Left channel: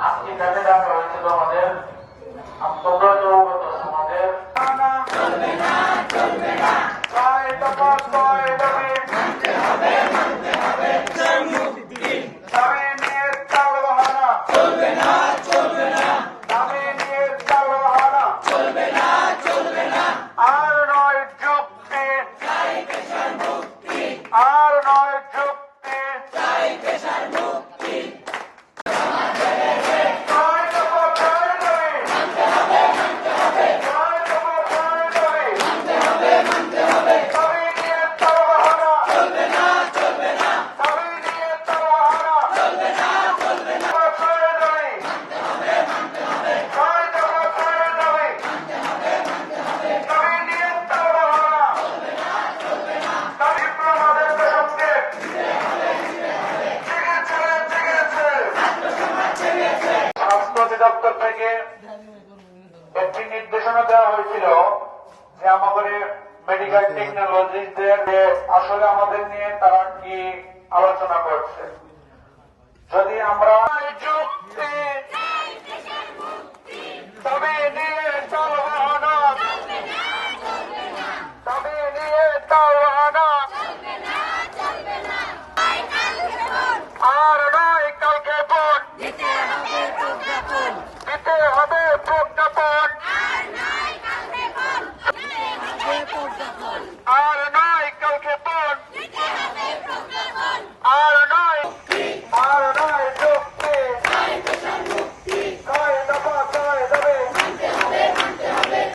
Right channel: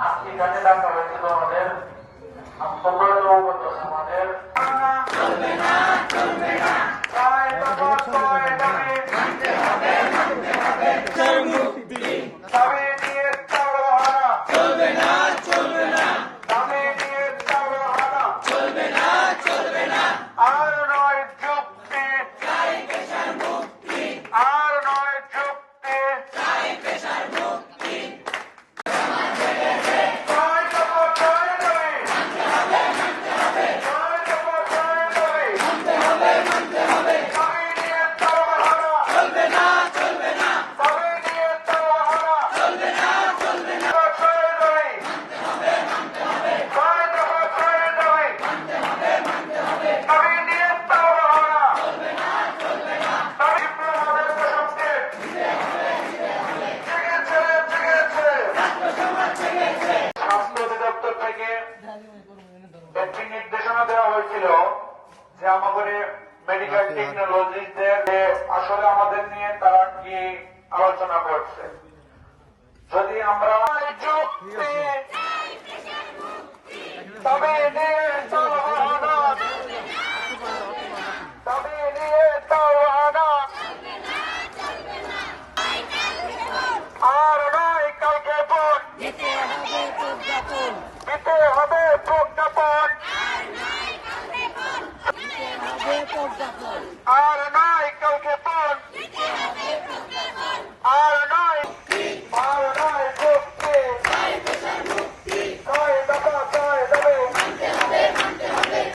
আজকে কাজে ডাকা হয়েছিল আমাদের সবাই অবগত আমাদের। মানতে হবে মানতে হবে। দপ্তর থেকে একটি নির্দেশনা দেওয়া হয়েছিল যে আমাদের মেডিকেল টেকনোলজিস্টদের আচ্ছা। আসলে আমাদের নিয়ে তারা কি আলোচনা করছে। যদি আমরা